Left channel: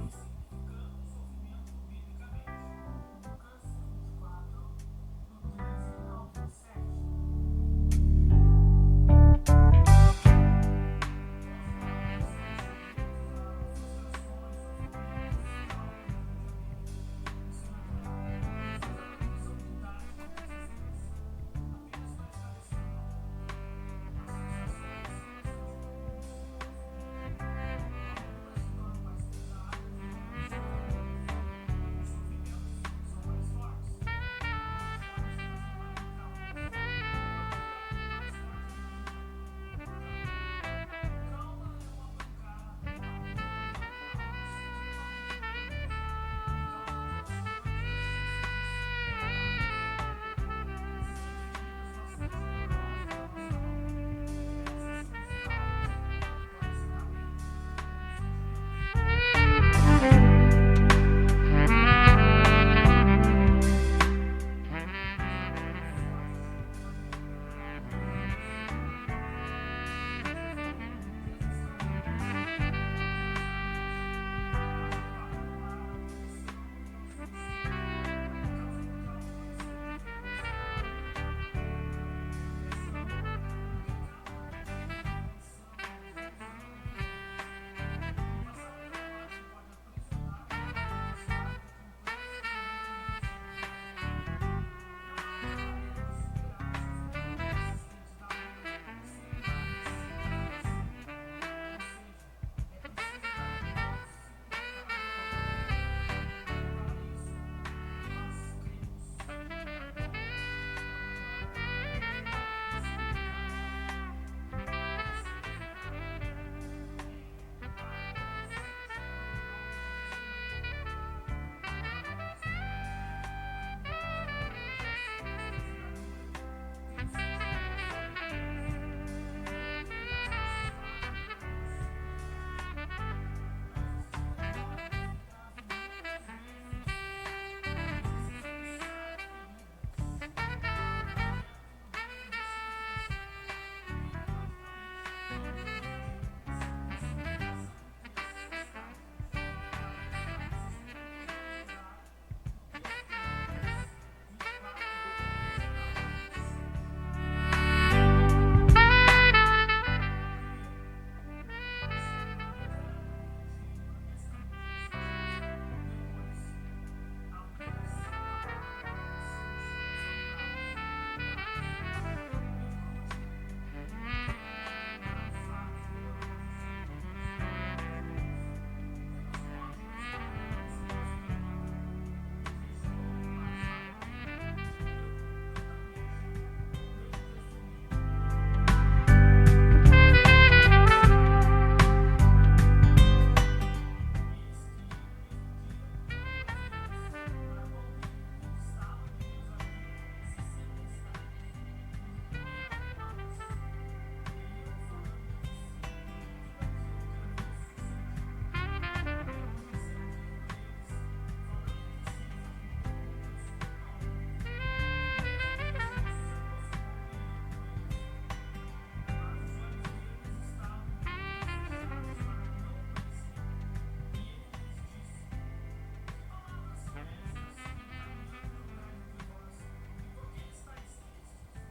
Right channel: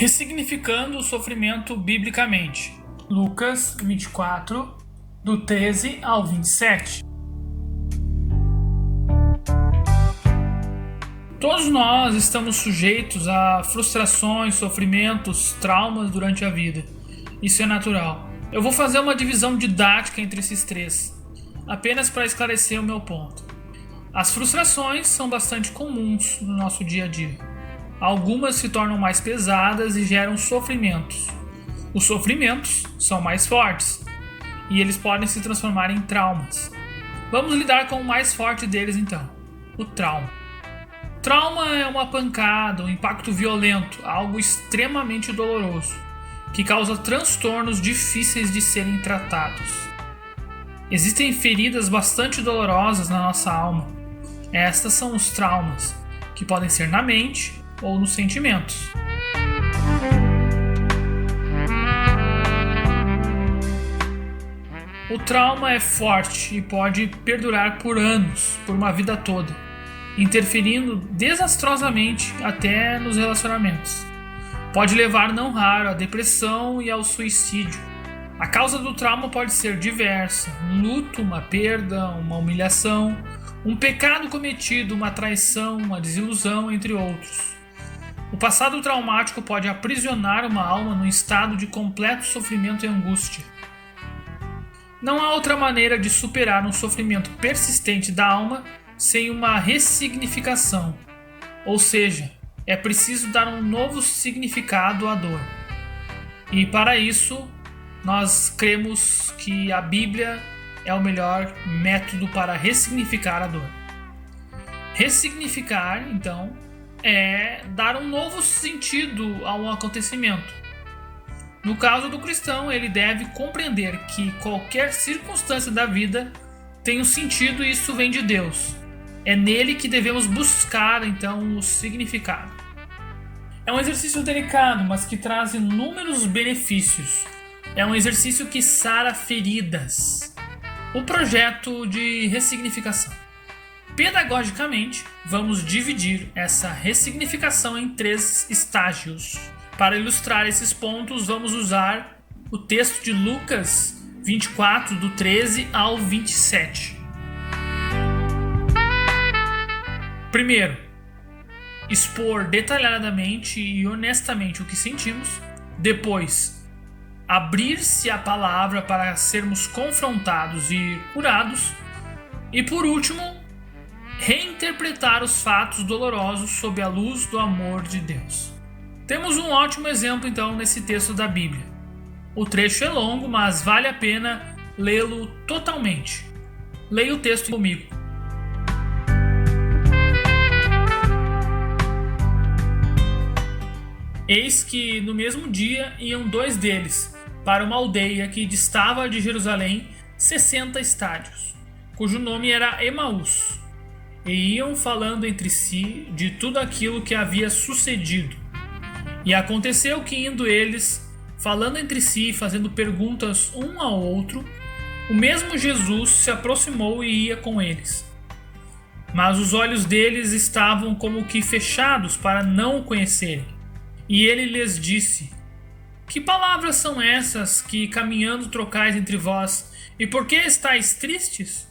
Ressignificando o sofrimento biblicamente. Lucas 24, do 13 ao 27. Todos nós estamos sujeitos a frustrações, sofrimentos, traumas durante a vida. Isso é natural. Eu vou fazer uma divisão didática entre esses três, apenas para esclarecer o meu ponto. As frustrações são bastante comuns no nosso dia a dia. Algumas se tornam mais pesadas e geram sofrimentos. Os sofrimentos são mais fortes e eles podem se transformar em traumas. Vamos lidar com o mais forte deles então, o trauma. Trauma é uma pancada, um impacto violento, algo extremamente doloroso, que causa transtornos difíceis de serem tratados. Existem feridas bastante dolorosas na nossa alma. Estas são os traumas, que podem ser na mente ou nos sentimentos. O trauma é forte e pode perdurar por anos, por uma vida toda, interferindo desastrosamente até nos relacionamentos. Pode levar não raro à depressão e ao suicídio. A causa do trauma pode ser diversa: um luto, uma perda, uma humilhação, um pecado cometido, uma traição, uma desilusão, entre outros. O passado traumático pode aprisionar uma alma num estado de completo sofrimento e angústia. Não há outra maneira de superar um sofrimento persistente da alma sem uma ressignificação, ou seja, é preciso dar um novo significado à dor. E para isso, nós cremos que a Bíblia é o melhor método para ressignificar a dor. Ressignificar, então, é dar um novo sentido a um acontecimento. No caso do cristão, ele deve compreender que qualquer circunstância da vida tem um sentido e isso vem de Deus. É nele que devemos buscar, então, o significado. É um exercício delicado, mas que traz inúmeros benefícios. É um exercício que sara feridas. O projeto de ressignificação. Pedagogicamente, vamos dividir essa ressignificação em 3 estágios. Para ilustrar esses pontos, vamos usar o texto de Lucas 24, do 13 ao 27. Primeiro, expor detalhadamente e honestamente o que sentimos. Depois, abrir-se à palavra para sermos confrontados e curados. E por último, reinterpretar os fatos dolorosos sob a luz do amor de Deus. Temos um ótimo exemplo então nesse texto da Bíblia. O trecho é longo, mas vale a pena lê-lo totalmente. Leia o texto comigo. Eis que no mesmo dia iam 2 deles para uma aldeia que distava de Jerusalém 60 estádios, cujo nome era Emaús. E iam falando entre si de tudo aquilo que havia sucedido. E aconteceu que, indo eles, falando entre si e fazendo perguntas um ao outro, o mesmo Jesus se aproximou e ia com eles. Mas os olhos deles estavam como que fechados para não o conhecerem. E ele lhes disse: Que palavras são essas que caminhando trocais entre vós? E por que estáis tristes?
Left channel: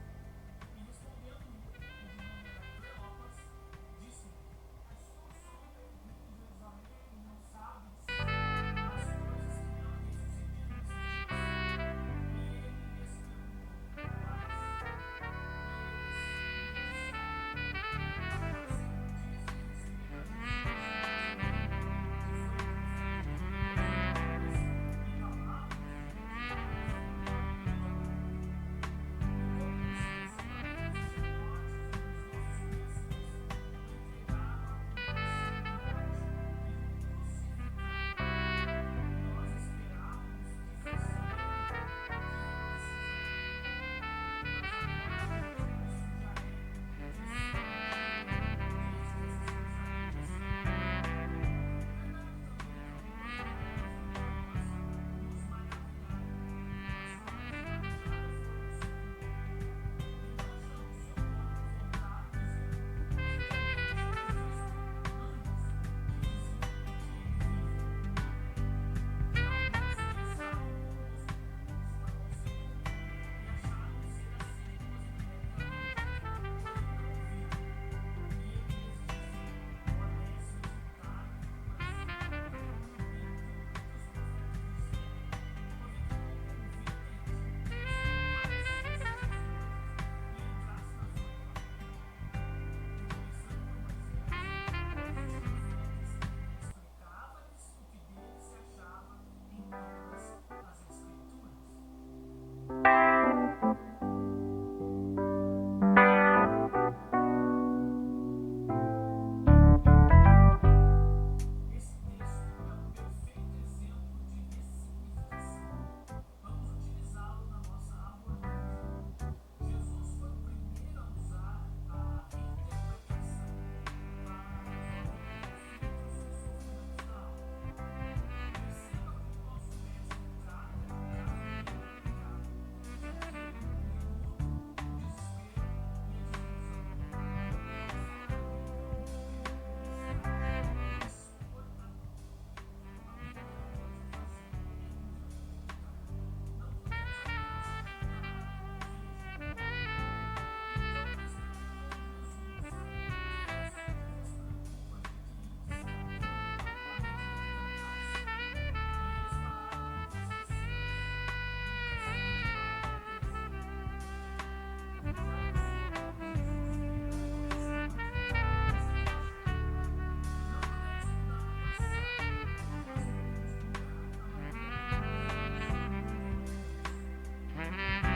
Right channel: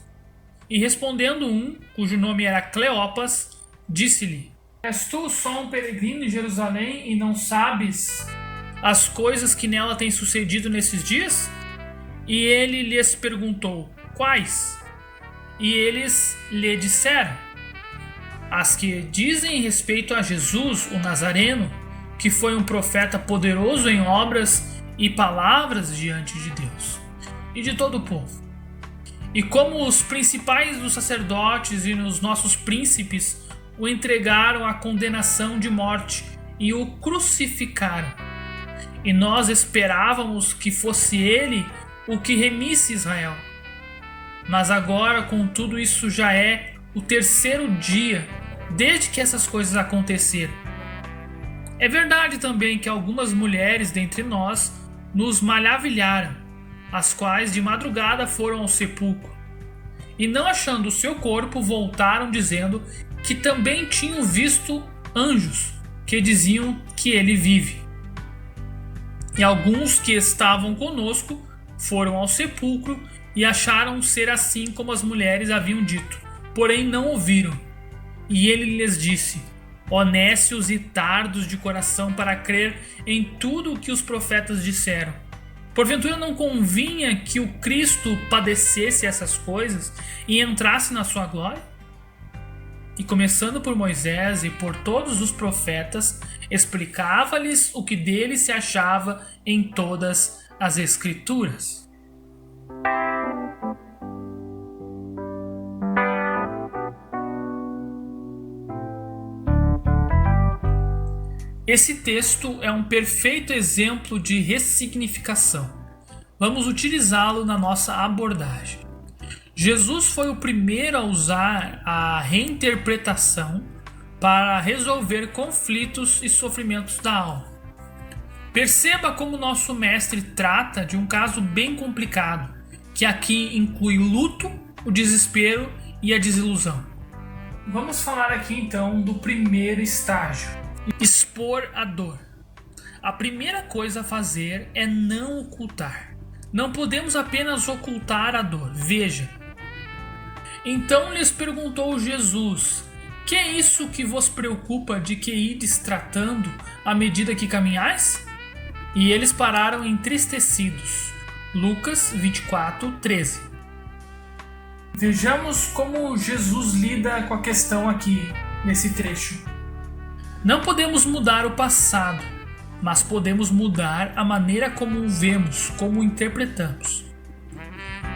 E respondendo um, cujo nome era Cleopas, disse-lhe: És tu só um peregrino em Jerusalém e não sabes as coisas que nela têm sucedido nesses dias? E ele lhes perguntou: Quais? E eles lhe disseram: As que dizem respeito a Jesus, o Nazareno, que foi um profeta poderoso em obras e palavras diante de Deus e de todo o povo. E como os principais dos sacerdotes e os nossos príncipes o entregaram à condenação de morte e o crucificaram. E nós esperávamos que fosse ele o que remisse Israel. Mas agora, contudo, isso já é o 3º dia desde que essas coisas aconteceram. É verdade também que algumas mulheres dentre nós nos maravilharam, as quais de madrugada foram ao sepulcro, e não achando o seu corpo, voltaram dizendo que também tinham visto anjos, que diziam que ele vive. E alguns que estavam conosco foram ao sepulcro e acharam ser assim como as mulheres haviam dito, porém não ouviram. E ele lhes disse: ó nécios e tardos de coração para crer em tudo o que os profetas disseram. Porventura não convinha que o Cristo padecesse essas coisas e entrasse na sua glória? E começando por Moisés e por todos os profetas, explicava-lhes o que dele se achava em todas as Escrituras. Esse texto é um perfeito exemplo de ressignificação. Vamos utilizá-lo na nossa abordagem. Jesus foi o primeiro a usar a reinterpretação para resolver conflitos e sofrimentos da alma. Perceba como nosso mestre trata de um caso bem complicado, que aqui inclui o luto, o desespero e a desilusão. Vamos falar aqui então do primeiro estágio: expor a dor. A primeira coisa a fazer é não ocultar. Não podemos apenas ocultar a dor. Veja. Então lhes perguntou Jesus: que é isso que vos preocupa de que ides tratando à medida que caminhais? E eles pararam entristecidos. Lucas 24:13. Vejamos como Jesus lida com a questão aqui nesse trecho. Não podemos mudar o passado, mas podemos mudar a maneira como o vemos, como o interpretamos.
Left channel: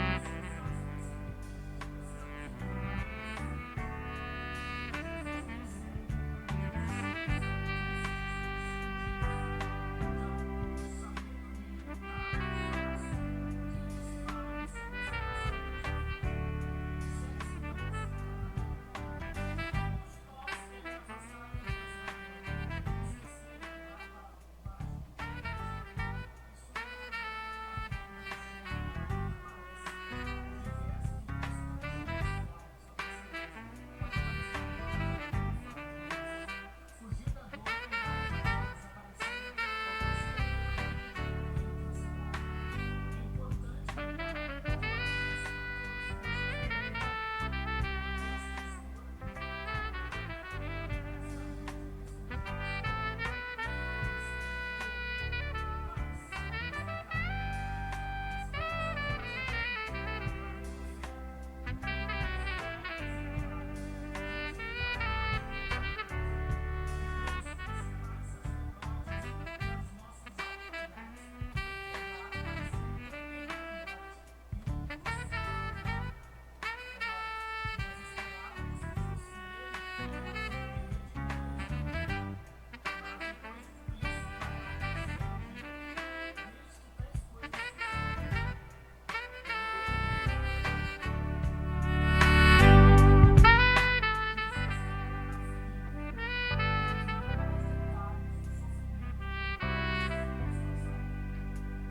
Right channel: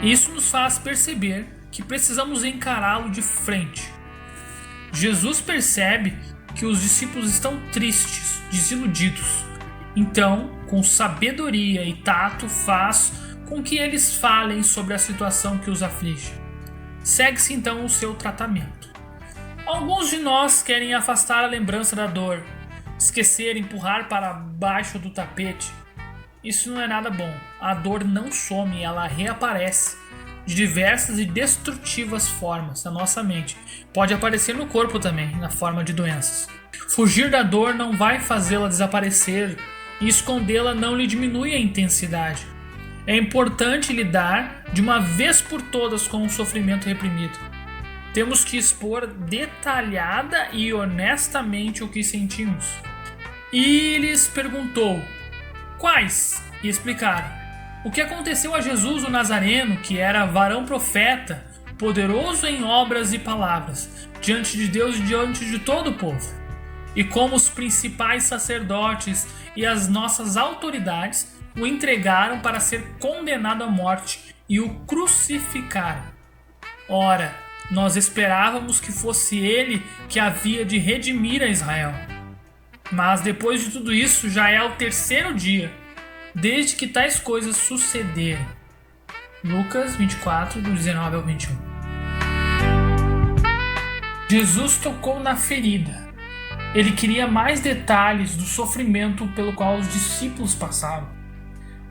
Isso nos faz perceber que precisamos encará-lo de frente. Jesus percebe que os discípulos estão tristes, desiludidos. Então, com sabedoria e tato, faz com que eles falem sobre a situação que os aflige. Segue-se então o seu tratamento. Alguns de nós querem afastar a lembrança da dor, esquecer, empurrar para baixo do tapete. Isso não é nada bom. A dor não some, ela reaparece de diversas e destrutivas formas na nossa mente. Pode aparecer no corpo também, na forma de doenças. Fugir da dor não vai fazê-la desaparecer, e escondê-la não lhe diminui a intensidade. É importante lidar de uma vez por todas com o sofrimento reprimido. Temos que expor detalhada e honestamente o que sentimos. E lhes perguntou: quais? E explicaram. O que aconteceu a Jesus o Nazareno, que era varão profeta, poderoso em obras e palavras, diante de Deus e diante de todo o povo. E como os principais sacerdotes e as nossas autoridades o entregaram para ser condenado à morte e o crucificaram. Ora, nós esperávamos que fosse ele que havia de redimir a Israel. Mas depois de tudo isso, já é o terceiro dia desde que tais coisas sucederem. Lucas 24, do 19 ao 21. Jesus tocou na ferida. Ele queria mais detalhes do sofrimento pelo qual os discípulos passavam.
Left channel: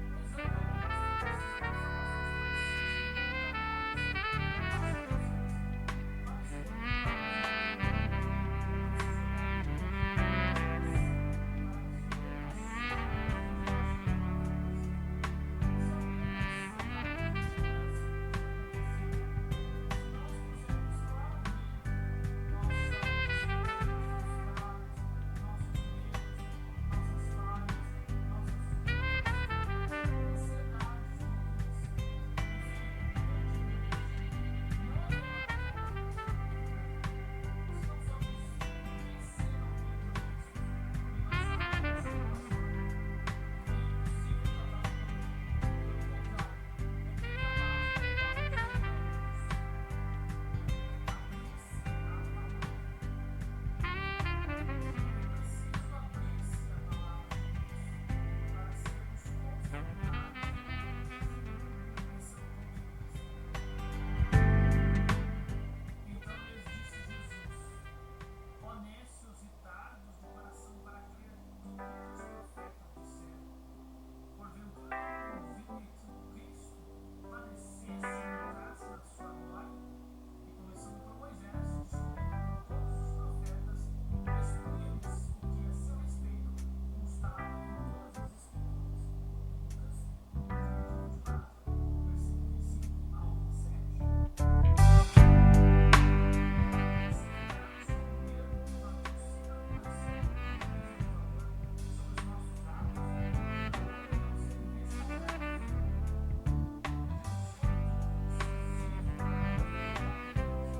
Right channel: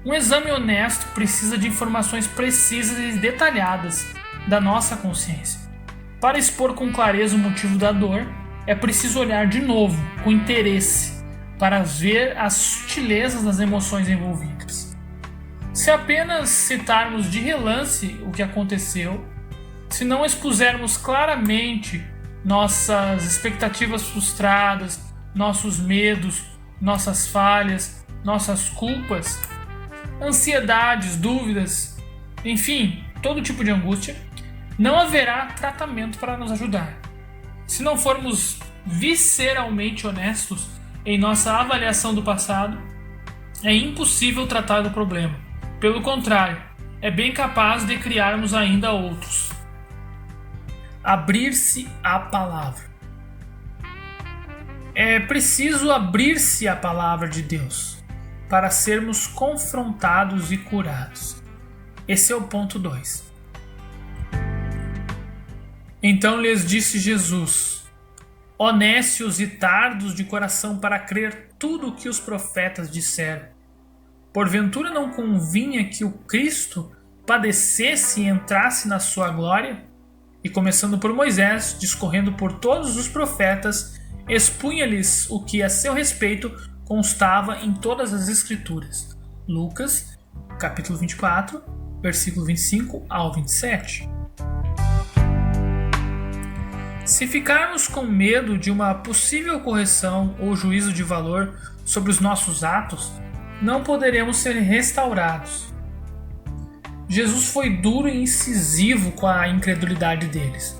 Um exame honesto precisa de informações precisas e detalhadas da nossa consciência. Para expor com clareza o motivo da dor, é preciso olhar de novo, com interesse, para ver as sutilezas das emoções envolvidas. Se apenas citarmos de relance o que aconteceu, se não expusermos claramente nossas expectativas frustradas, nossos medos, nossas falhas, nossas culpas, ansiedades, dúvidas, enfim, todo tipo de angústia, não haverá tratamento para nos ajudar. Se não formos visceralmente honestos em nossa avaliação do passado, é impossível tratar do problema. Pelo contrário, é bem capaz de criarmos ainda outros. Abrir-se à palavra. É preciso abrir-se à palavra de Deus para sermos confrontados e curados. Esse é o ponto 2. Então lhes disse Jesus: ó nécios e tardos de coração para crer tudo o que os profetas disseram. Porventura não convinha que o Cristo padecesse e entrasse na sua glória? E começando por Moisés, discorrendo por todos os profetas, expunha-lhes o que a seu respeito constava em todas as Escrituras. Lucas, capítulo 24, versículo 25 ao 27. Se ficarmos com medo de uma possível correção ou juízo de valor sobre os nossos atos, não poderemos ser restaurados. Jesus foi duro e incisivo com a incredulidade deles.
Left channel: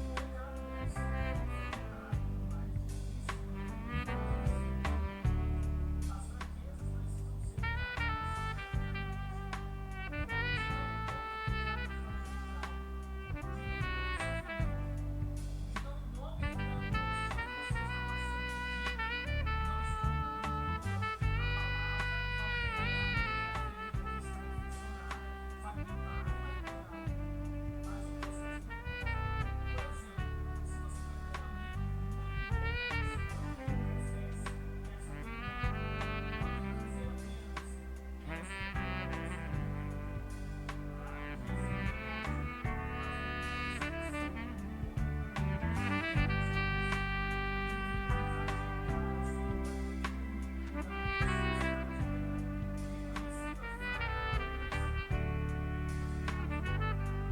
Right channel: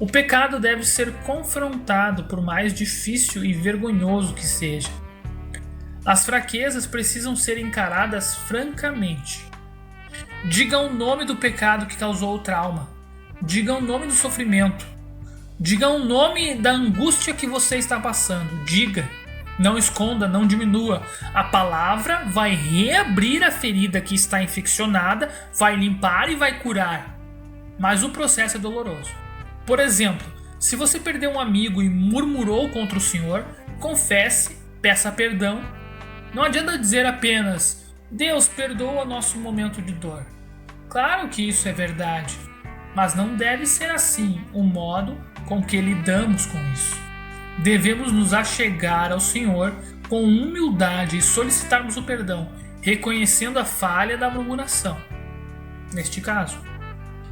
O pecado deve ser confrontado, por mais difícil e vergonhoso que seja. As fraquezas precisam ser encaradas francamente. Diga o nome do pecado que causou o trauma. Diga o nome do sofrimento. Diga o nome da angústia que você está passando. Diga. Não esconda, não diminua. A palavra vai reabrir a ferida que está infeccionada, vai limpar e vai curar. Mas o processo é doloroso. Por exemplo, se você perdeu um amigo e murmurou contra o Senhor, confesse, peça perdão. Não adianta dizer apenas, Deus perdoa nosso momento de dor. Claro que isso é verdade, mas não deve ser assim o modo com que lidamos com isso. Devemos nos achegar ao Senhor com humildade e solicitarmos o perdão, reconhecendo a falha da murmuração. Neste caso,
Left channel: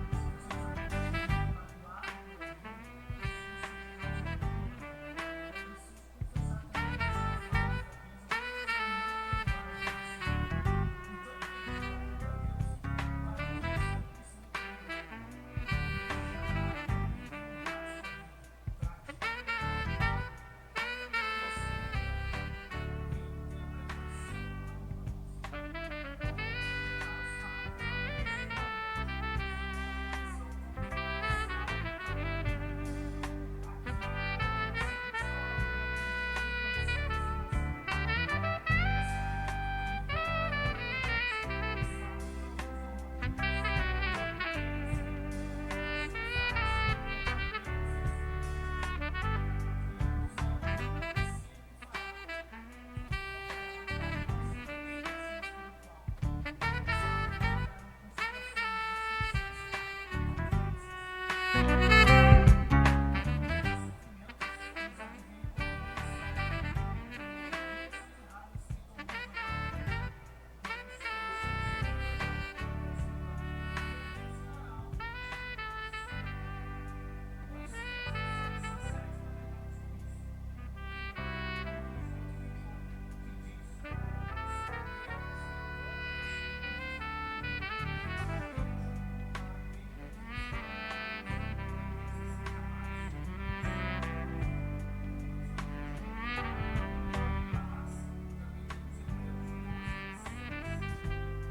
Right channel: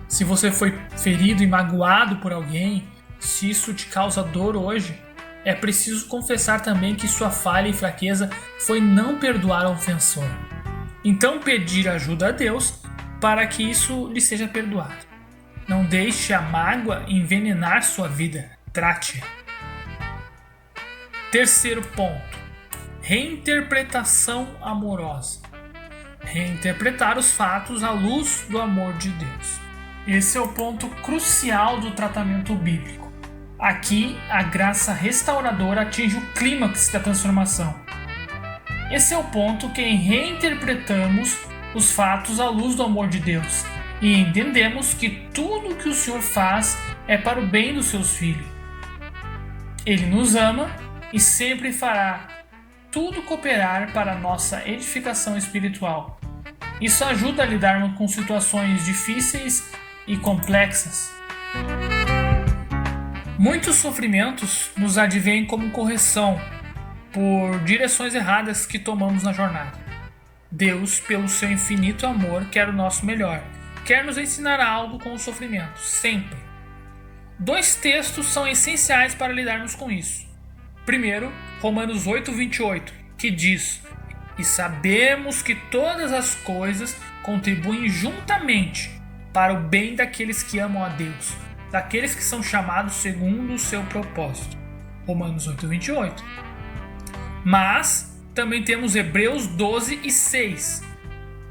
se você foi ferido e magoado por alguém, se isso te causa dor hoje, é preciso confessar também que sua falha e fraqueza foi não perdoar o ofensor. Então pedir ajuda a Deus para que isso lhe seja perdoado. Não deixe a mágoa envenenar sua vida. Trate-a. Terceiro ponto. Reinterpretação amorosa. Reinterpretar os fatos à luz do amor de Deus. Esse é o ponto crucial do tratamento bíblico. Aqui, a graça restauradora atinge o clímax da transformação. Esse é o ponto em que reinterpretamos os fatos à luz do amor de Deus e entendemos que tudo o que o Senhor faz é para o bem dos seus filhos. Ele nos ama e sempre fará tudo cooperar para a nossa edificação espiritual. Isso ajuda a lidarmos com situações difíceis e complexas. Muitos sofrimentos nos advêm como correção por direções erradas que tomamos na jornada. Deus, pelo seu infinito amor, quer o nosso melhor. Quer nos ensinar algo com o sofrimento, sempre. 2 textos são essenciais para lidarmos com isso. Primeiro, Romanos 8:28, que diz: E sabemos que todas as coisas contribuem juntamente para o bem daqueles que amam a Deus, daqueles que são chamados segundo o seu propósito. Romanos 8:28. Mas também temos Hebreus 12:6.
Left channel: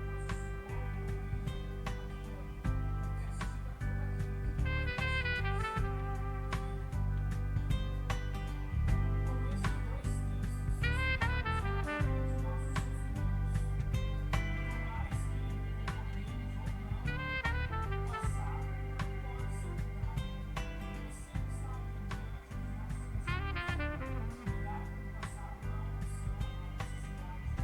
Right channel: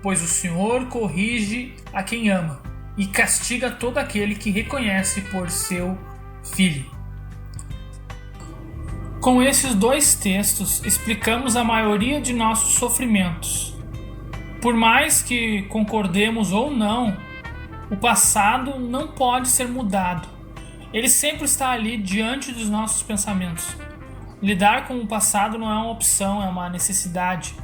Pois o Senhor corrige a quem ama e castiga todo aquele que reconhece por seu filho. Com esses 2 textos, explicamos a maioria de nossos sofrimentos. Por mais que concordemos ou não, o passado não pode ser mudado. Ele sempre está ali diante dos nossos pensamentos. Lidar com o passado não é uma opção, é uma necessidade.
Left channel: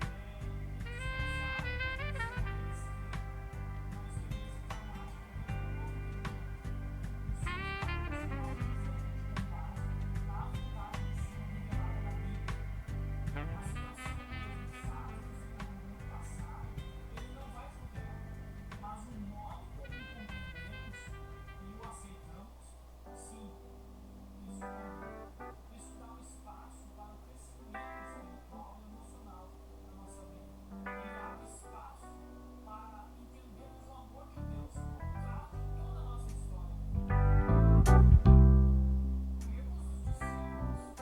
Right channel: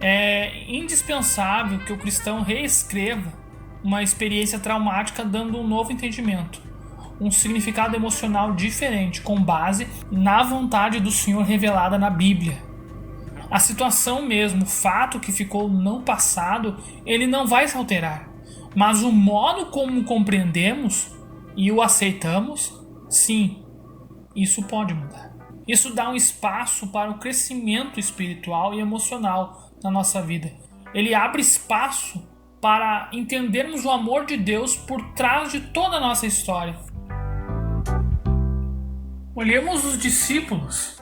É indispensável que o cristão reescreva uma experiência traumática dando um novo entendimento, um significado emocional diferente, com base na vontade do Senhor revelada na Bíblia. A situação mesmo, o fato que ficou no passado, ele não vai se alterar. Mas o modo como compreendemos e o aceitamos, sim, isso pode mudar. Isso dá um espaço para o crescimento espiritual e emocional na nossa vida. Ele abre espaço para entendermos o amor de Deus por trás de toda a nossa história. Olhemos os discípulos.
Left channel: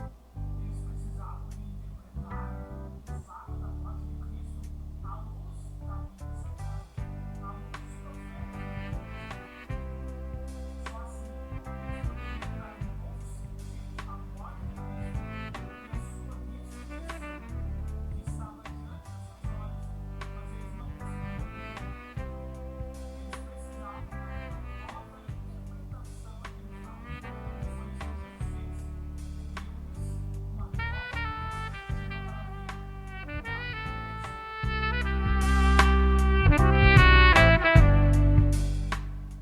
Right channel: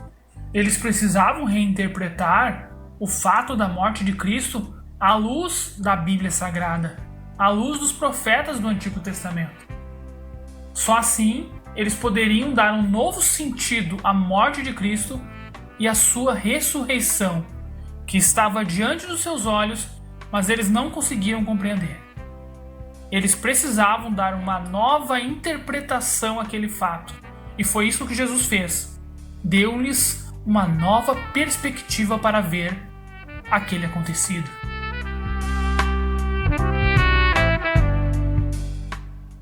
Eles precisavam reinterpretar o fato da morte de Cristo à luz da Bíblia Sagrada, à luz dos profetas do Antigo Testamento. Só assim eles poderiam dar um novo sentido à morte de Cristo e à sua ressurreição, que estava diante dos seus olhos, mas eles não conseguiam compreender. Eles precisavam dar uma nova interpretação àquele fato, e foi isso que Jesus fez. Deu-lhes uma nova perspectiva para ver aquele acontecido.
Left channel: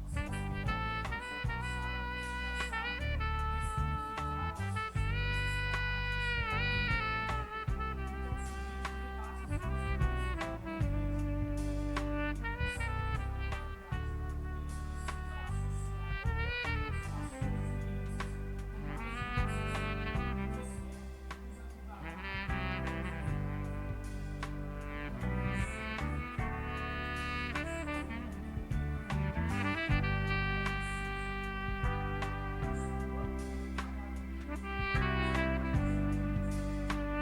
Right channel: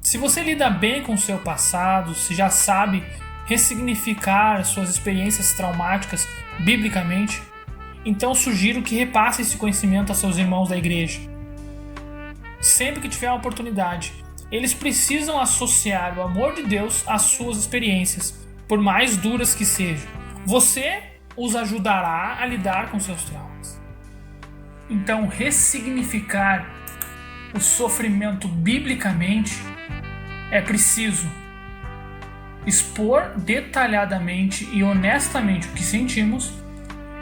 Se você lida bem com o seu passado, se já sabe ressignificar suas experiências traumáticas biblicamente, Então sugiro que repasse esse conhecimento a seus irmãos da igreja. Sempre que tiver uma oportunidade, eles precisam associar o amor de Deus às suas experiências, por mais duras que sejam. Você os ajudará a lidar com seus traumas. Então, ressignificar o sofrimento biblicamente é preciso expor detalhadamente e honestamente o que sentimos.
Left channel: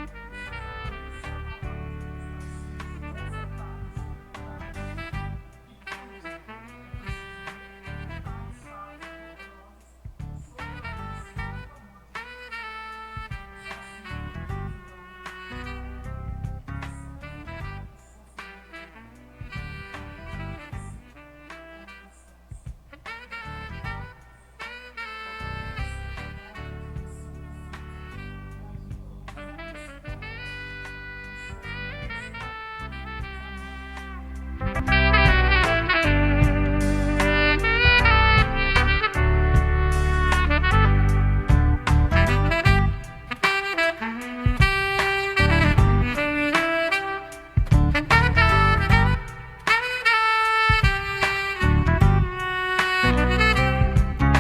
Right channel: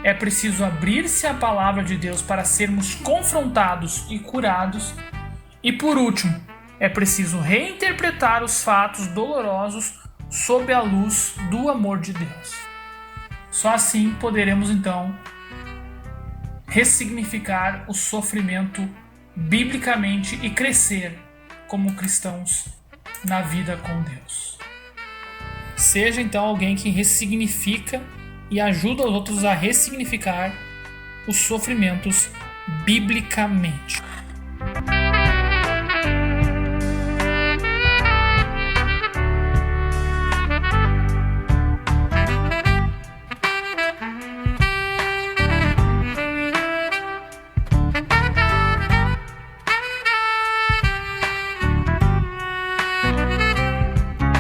É preciso abrir-se à palavra de Deus para sermos confrontados e curados. E por último, é preciso reinterpretar os fatos dolorosos sob a luz do amor de Deus. Só assim poderemos então ressignificar o sofrimento biblicamente e crescer como cristãos na vida com Deus. Seja então alguém que ressignifica e ajuda os outros a ressignificar os sofrimentos biblicamente.